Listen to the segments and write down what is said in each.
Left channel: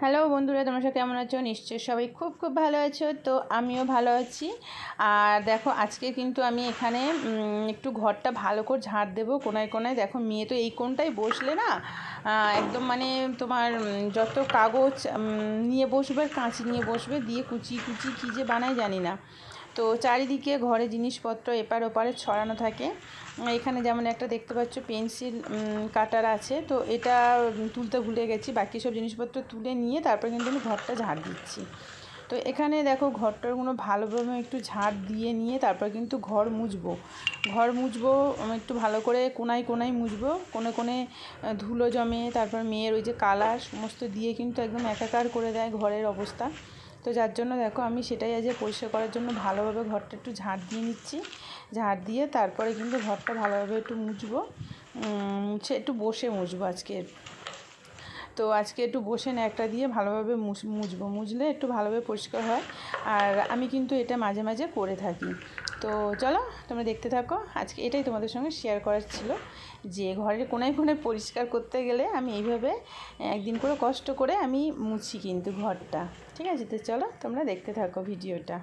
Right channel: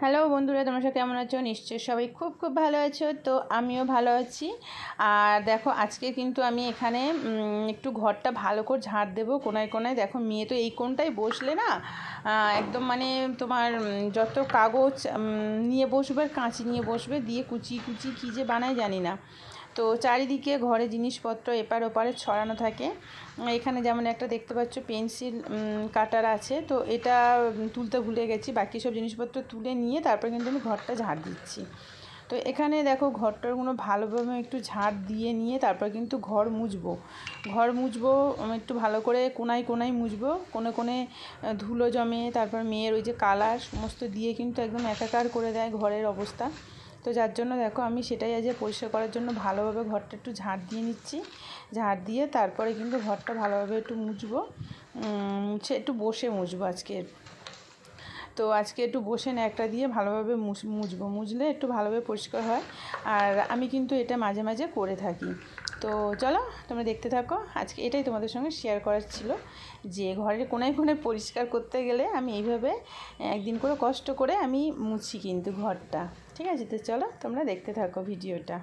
Hello বন্ধুরা, তোমার সাথে কেমন আছো? নিশ্চয়ই সবাই খুব খুব ভালো আছো, তো আমিও ভালো আছি। আর দেখো, আজকে কিন্তু আমি এখানে একটু ঘরটা ভালো করে ঝাড় দেবো কোনায় কোনায়। দেখো, মেয়ে তো এই কোনটাই বসলে না একদম মানে তোমার যত কাগজ নিয়ে বসবে কাঁচি নিয়ে বসবে, দিয়ে কুচি কুচি কী যে বানায় জানি না। তো চারিদিকে ঘরে জিনিসপত্র এপার ওপারে ছড়ানো থাকে। এখানে যেমন একটা দেখতে পাচ্ছ, পেন্সিল কাটার আছে। তো এটা তুলতে ভুলে গেছি। বাকি সব জিনিসপত্র তুলে নিয়ে তারপর কিন্তু আমি ঘরটা ঝাড় দিচ্ছি। তো এখানে দেখো ঘরটারগুলো ভালোভাবে একটু ঝাড় দিয়ে নিয়ে তারপর কিন্তু ঘর মুছবো। ঘর মুছবো একটু ভালো করে কোনায় কোনায় মুছবো। কোণে কোণে ধুলো জমে, তারপর মেয়ের ওই যে কালার, সমস্ত দিয়ে কিন্তু একদম একাকার করে দেয় ঘরের অবস্থা। তো যার জন্য দেখো আমি সেটাই আজ পরিষ্কার করার জন্য ভালোভাবে ঘরটা একটু ঝাড় দিয়ে নিচ্ছি। ঝাড় দিয়ে তারপরে কিন্তু ঘরটা ভালোভাবে একটু মুছবো। মুছে, একটু বসে মুছবো আজকে। তো আজকে একটু বসে একটা দিয়ে ভালোভাবে মুছ- মুছবো। মুছলে একটু ভালোভাবে পরিষ্কার হয়। আর আমি কিন্তু এটা মাঝে মাঝে করে থাকি। তো চলো, তোমরা দেখতে থাকো। আজকে এটাই তোমাদের সঙ্গে শেয়ার করার ছিল যে ঘরের কোনায় কোনায় পরিষ্কার করতে গেলে আমি এইভাবে একদিন করে কষ্ট করে আমি মুছি কিন্তু ঘরটা। ঠিক আছে তো চলো তোমরা দেখতে থাকো ভিডিওটা।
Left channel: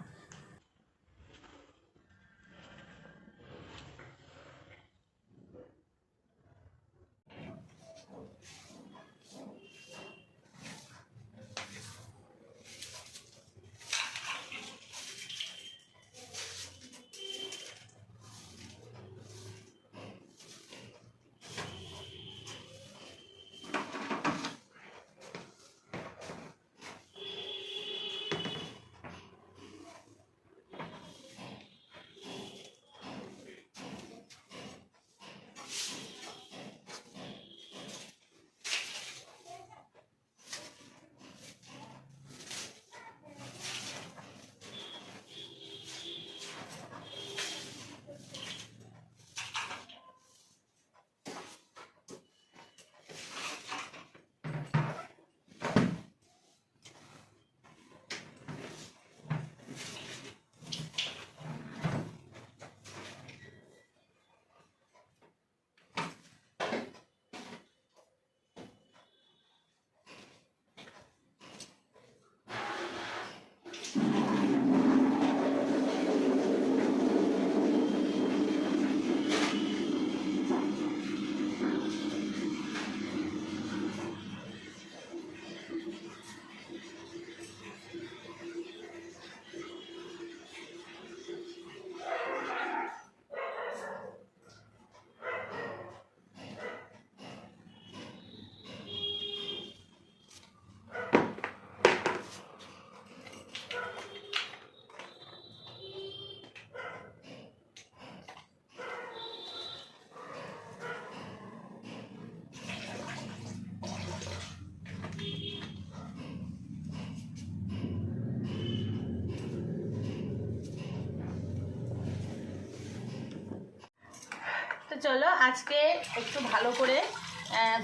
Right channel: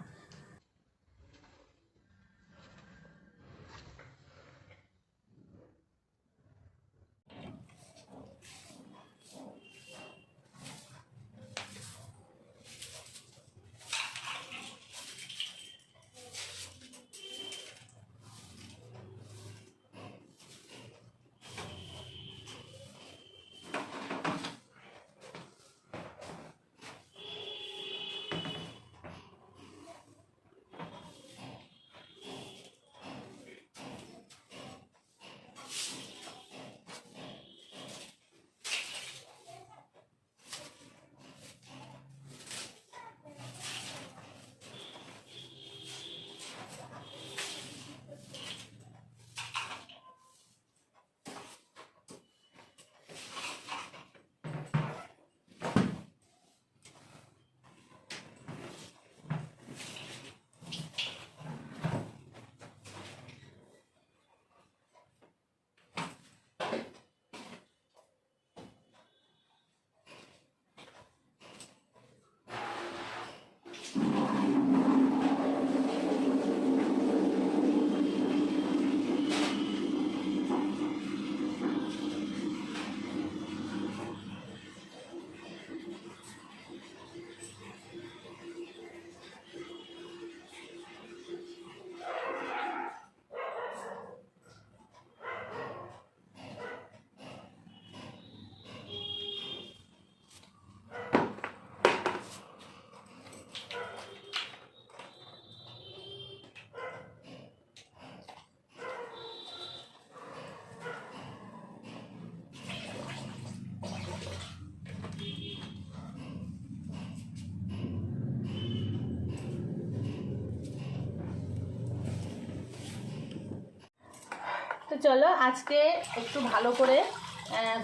তো চলো আজকে একটু ভালো করে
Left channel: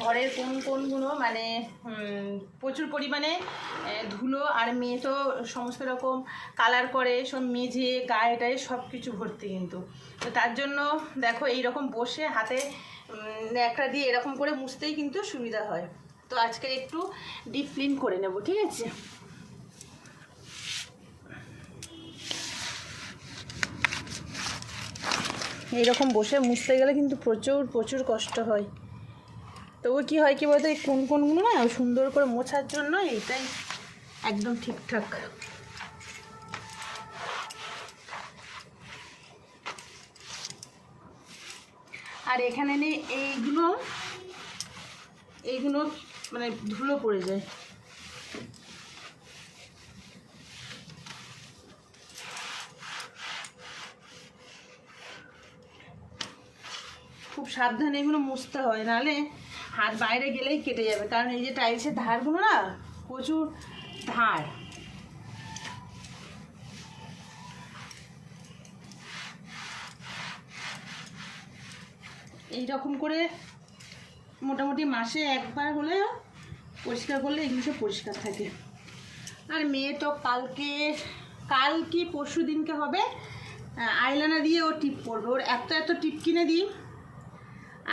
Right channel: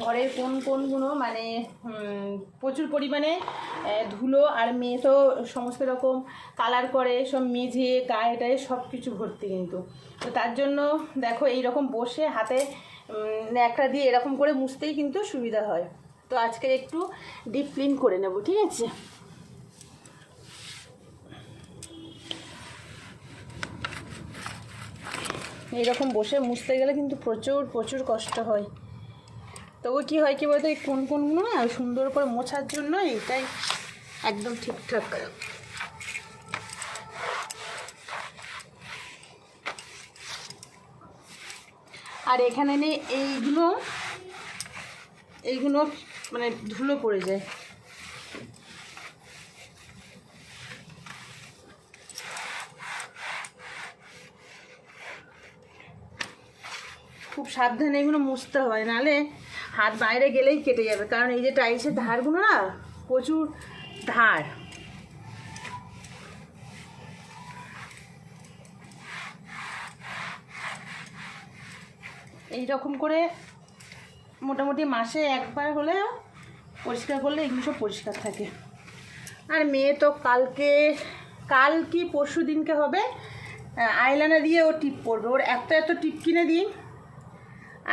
ঘরের কোন কোনগুলো মানে প্রচুর পরিমাণে ধুলো আর মেয়ে তো সমস্ত রকম কালার করে, সব মেঝে, গায়ে টায়ে সব কিছু ভর্তি কিন্তু। তো তার জন্য দেখো এই রকম বসে হাতে ন্যাকড়া দিয়ে এরকম করে মুছতেই কিন্তু সুবিধা হয়। তো আজকে একটু ডিপ ক্লিন করে নেব, ঠিক আছে? এইরকম বসে মুছতে গেলে কিন্তু প্রচুর প্রচুর কষ্ট হয়। তবু কি হয় কি বলতো, এই কোন, কোনগুলো না সুন্দর করে মোছার জন্য এটাই একদম ঠিকঠাক আর এখানে এইগুলো এইগুলো মানে ধুলো পড়ে যায় খুব সাবধানে এগুলো মুছতে হয়, নাহলে হাত বাইরে গেলেই কেটে যাবে। কারণ এই যে টাইলসের ধারগুলো না, প্রচুর ধার। এই রকম করে মোটামুটি মাসে একবার হলেও পরিষ্কার করলে এগুলো সব পরিষ্কার থাকে। আর মেয়ে তো কালকে, কাল কি পরশু দিনকে হবে আইলানা দিয়ে ও টিপ পড়বে ওর এত এত টিপ কিনে দিই।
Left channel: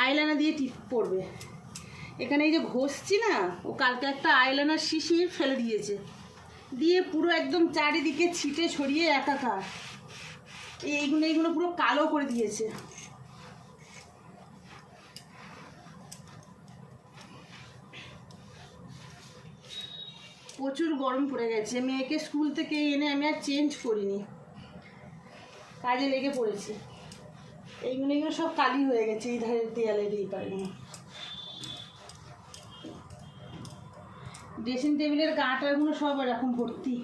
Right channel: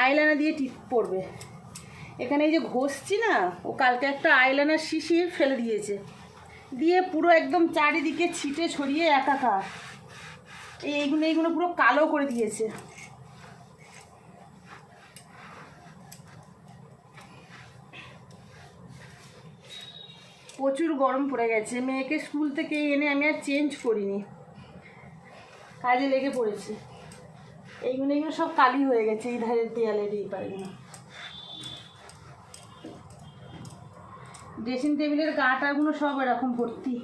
আইলানা দিয়ে টিপ পড়বে এখানে এই যে ঘষছি না, ও কালকে একটা আইলাইনার শিশির ফেলে দিয়েছে। দিয়ে পুরো একদম চারিদিকে ছিটে ছড়িয়ে একাকার। এই এইগুলো এইগুলো পুরো কালো করে দিয়েছে। প্রচুর গরম পড়ে গেছে। মেয়েকে স্কুল থেকে এনে আমি আর চেঞ্জ করিনি। কাজে লেগে পড়েছে। এইগুলো এইগুলো সব কালি হয়ে গেছে, এই ধারের দেয়ালের এই পারেগুলো ড্রেসিং টেবিলের গাটাগুলো সব এরকম ভর্তি।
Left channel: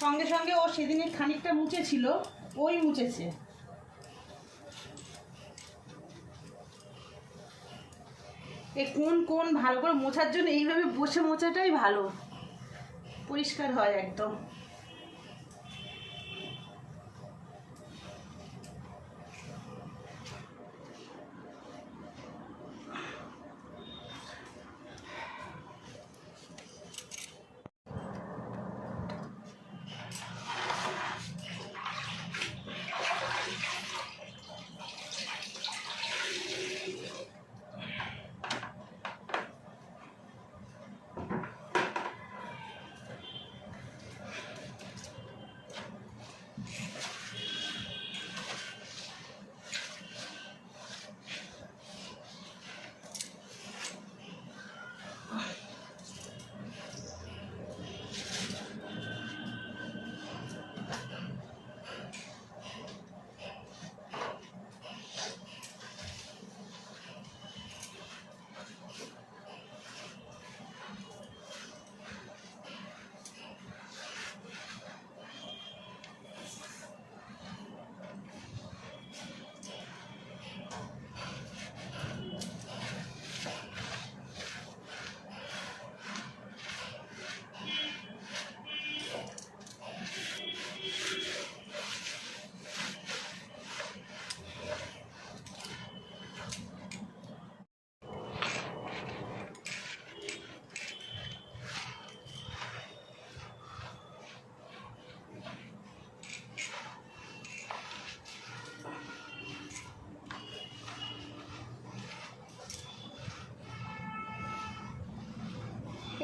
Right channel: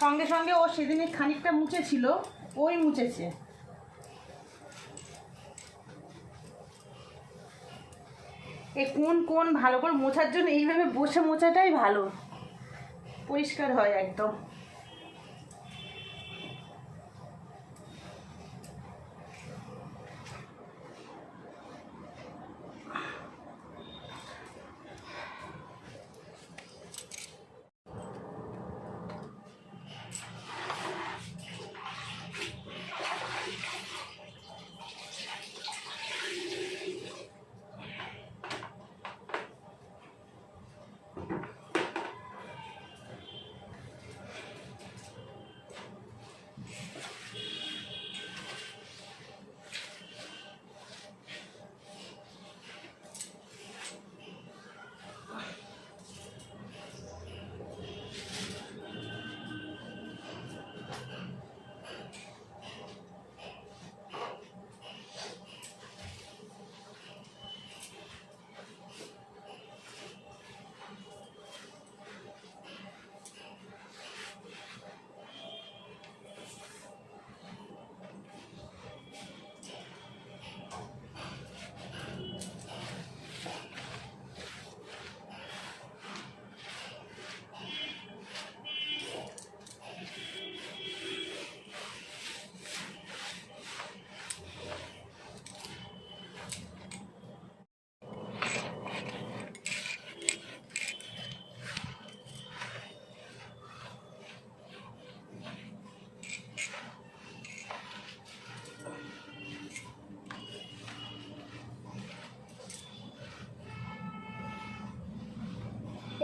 সঙ্গে সঙ্গে ও সেদিনে খানিকটা মুছেছিল, ওই মুছেছে। এ কোন কোন ভালো করে মোছার জন্য এইভাবে বসে মোছাটাই ভালো। পরিষ্কার হয় একদম।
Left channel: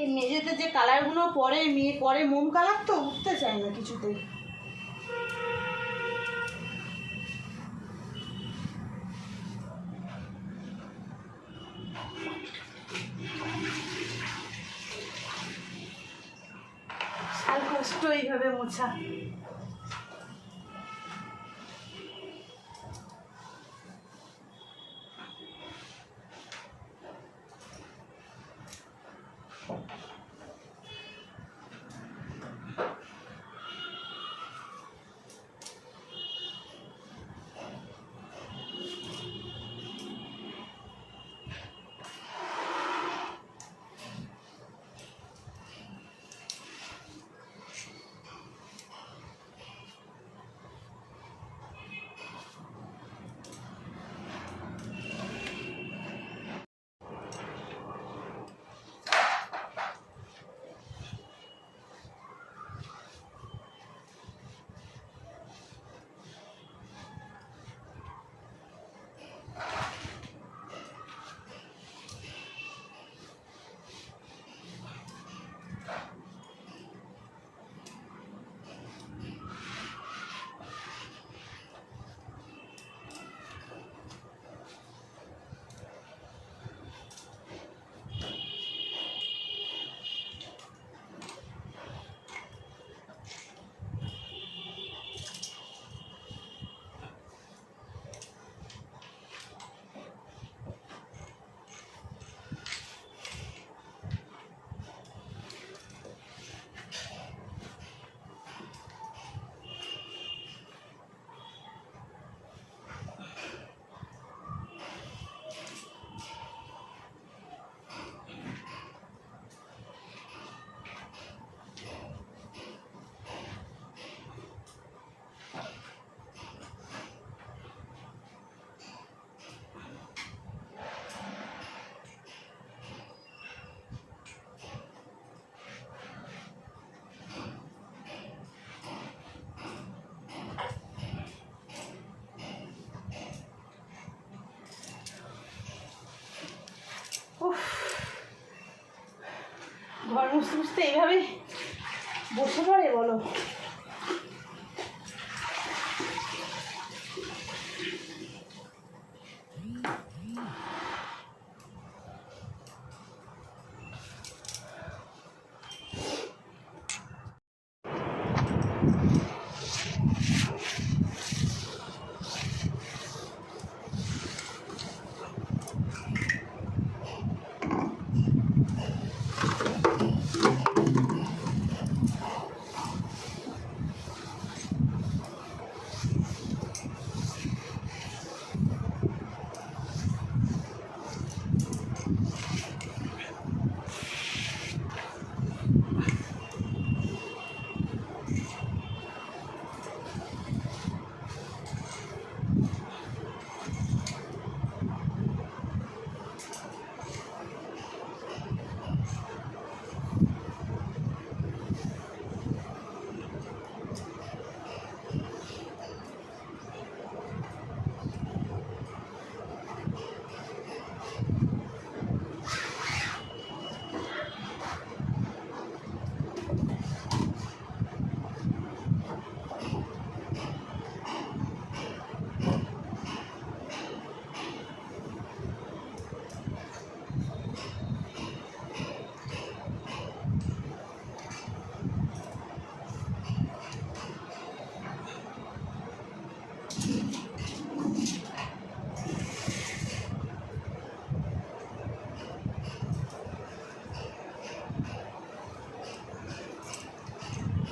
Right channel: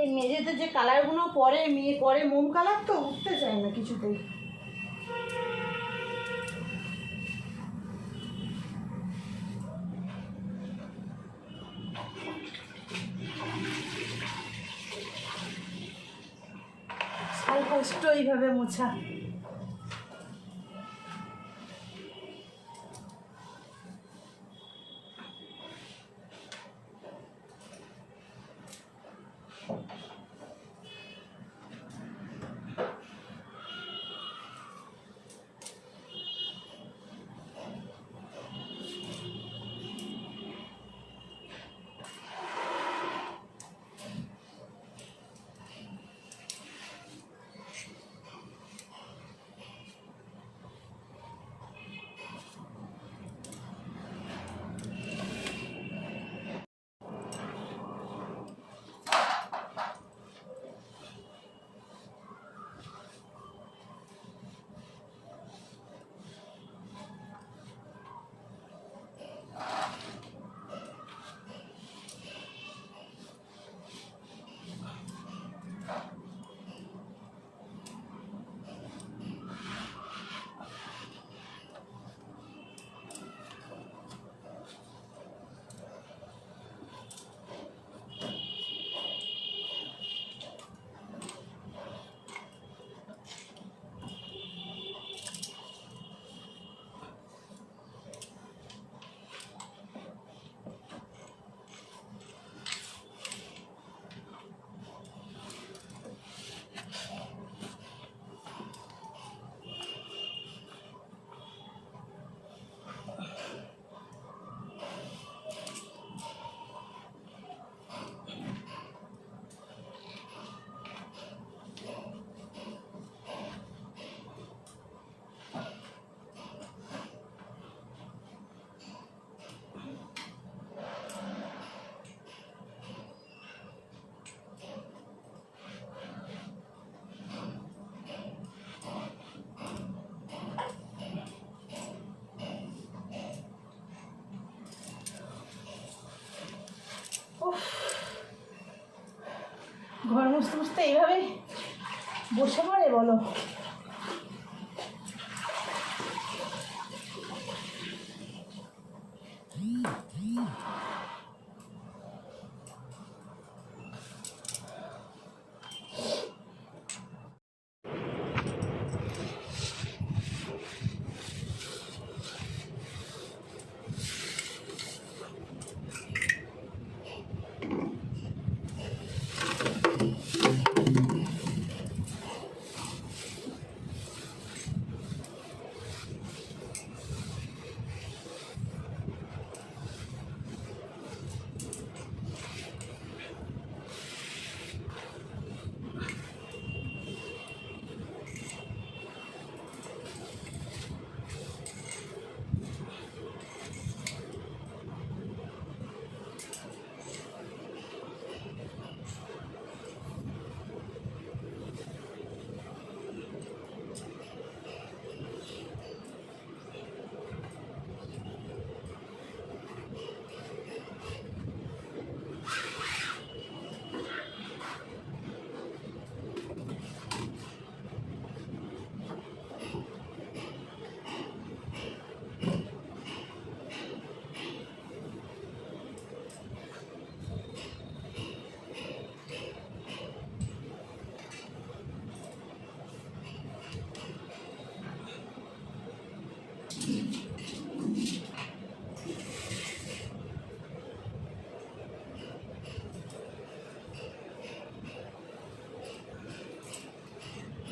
এই মেঝেতে যে কালারগুলো পরে, মেয়ে পরে, মোম কালার তো উঠতে চায় না কিছুতেই শাল কষ্ট এইভাবে মোছা। ঘর মুছতে মুছতে এইভাবে বসে পড়ে বলো।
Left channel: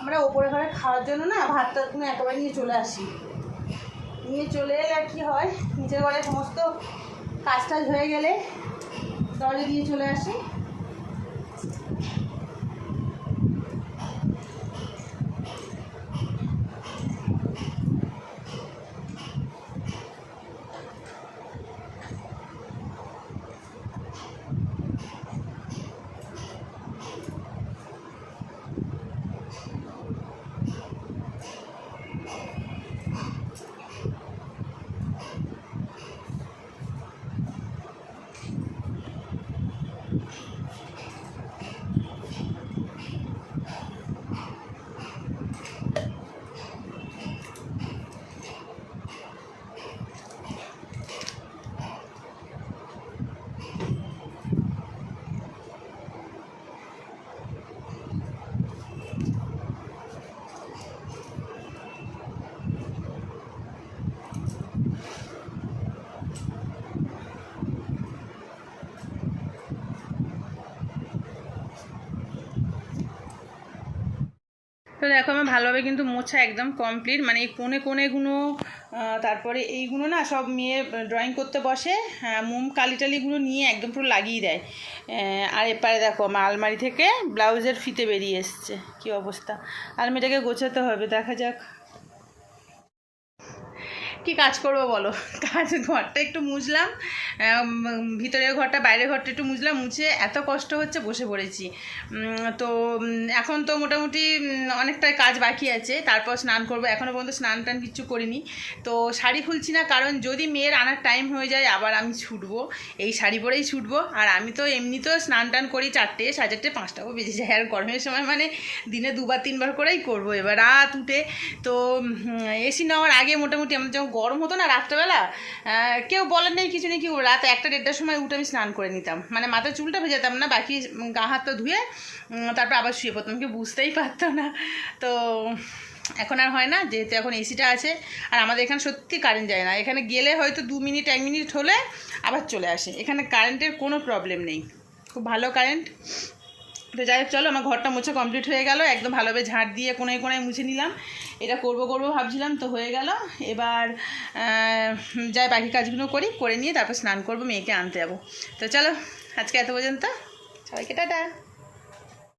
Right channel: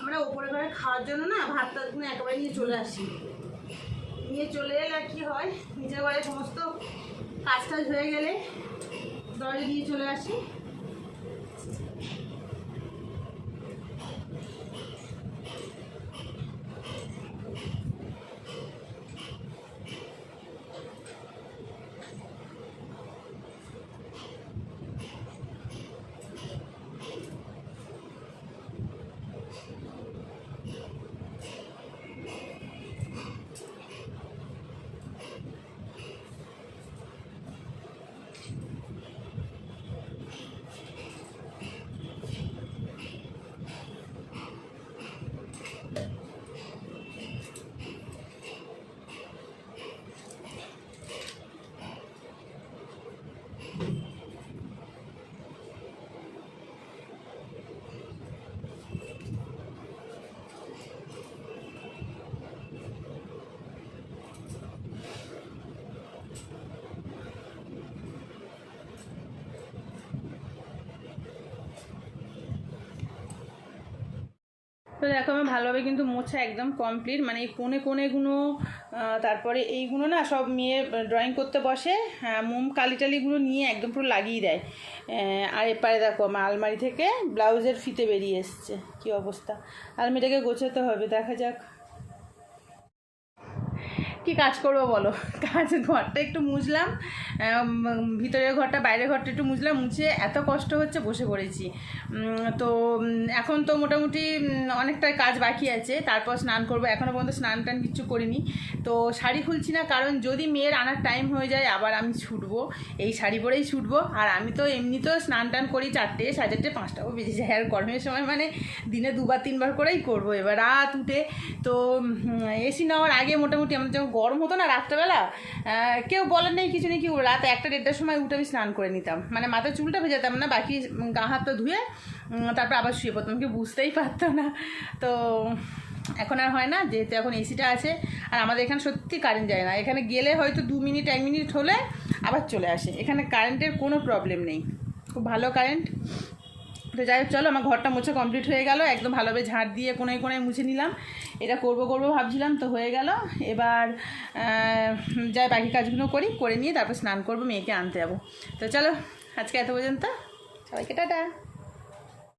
আমরা ওপরে ঘরে খাওয়ার জন্য না ভাতটা একেবারে নিয়ে চলে আসি। নিয়ে চলে এলে কি হয়? নিজের ঘরে সমস্ত কাজ হয়ে গেলে দলে দিয়ে চলে আসি। দেখো আমার ভালোভাবে কিন্তু মোছা একদম কমপ্লিট মানে এই কোণে কোণেগুলো তারপরে এইগুলো না সব মেয়ে ড্রয়িং করতে বসে হ্যাঁ, মোম কালি টালিগুলো নিয়ে একদম পুরো লাগিয়ে দেয়। আর এপারে দেখো আমার আলমারি থেকে ব্লাউজের ফিতে বেরিয়ে এসছে। কী অবস্থা? আলমারিটাকে গোছাতে হবে দেখা যাক। কি কাজ করব বলো? কাজ ঘরটা একটু মুছলাম ভিতরের ঘরটা, বাইরের ঘরটা একটু মুছলাম, মুছে এত কষ্ট হচ্ছে বসে পড়েছি। তো এখন তো মোটামুটি অনেকটাই কাজ বাকি আছে, তারপর স্নান করব। এখনও পর্যন্ত স্নান টান কিচ্ছু করিনি। তো শাড়ি খুলছি না, কারণ যদি মেয়ের আনার টাইম হয়ে যায়, আবার আমি ছুটবো। এই শাড়ি পরেই ছুটবো, আর আমি তো এমনিতেও স্নান টান করি চারটে, সাড়ে চারটে পাঁচটাও বেজে যায়। আর গরমের সময় মানে দিনে দুবার, তিনবার করেই করব। এবার রাত উঠে, তো এসি নেওয়ার আগে মোটামুটি আমাদের যখন গরম হতো না রাত্রেবেলা কেউ বলার নেই, কিছু নেই, কি রাত একটা দেড়টার সময় উঠে আমি স্নান করে নিতাম। মানে মাথার চুলটা ভেজাতাম না, বাকি গা হাতটা ধুয়ে তারপর আবার শুয়ে পড়তাম। কেউ বুঝতেই পারতো না। তো এখন আর হয় না, যেহেতু এখন এসিটা আছে, আর আমাদের এখানে সত্যি কারেন্ট যায় না। এখানে গেলে হয়তো দু মিনিট, এক মিনিট হলে আবার চলে আসে। এখানে কারেন্টের কোনো প্রবলেম নেই। খুব ভালো কারেন্ট তো যাই হোক, চলো, আমার ঘরটা মুছে কমপ্লিট হয়ে গেল। একদম ভালোভাবে ঝাড় দিয়ে কোনায় কোনায় মুছে নিলাম। এটা করব করব ভাবছিলাম, তো হয়ে গেল। এবার যাই বাকি কাজগুলো করি, করে নিয়ে তারপর স্নান করব, মেয়েকে আনতে যাব। তো চলো, আজকে এত পর্যন্ত। সবাইকে টাটা।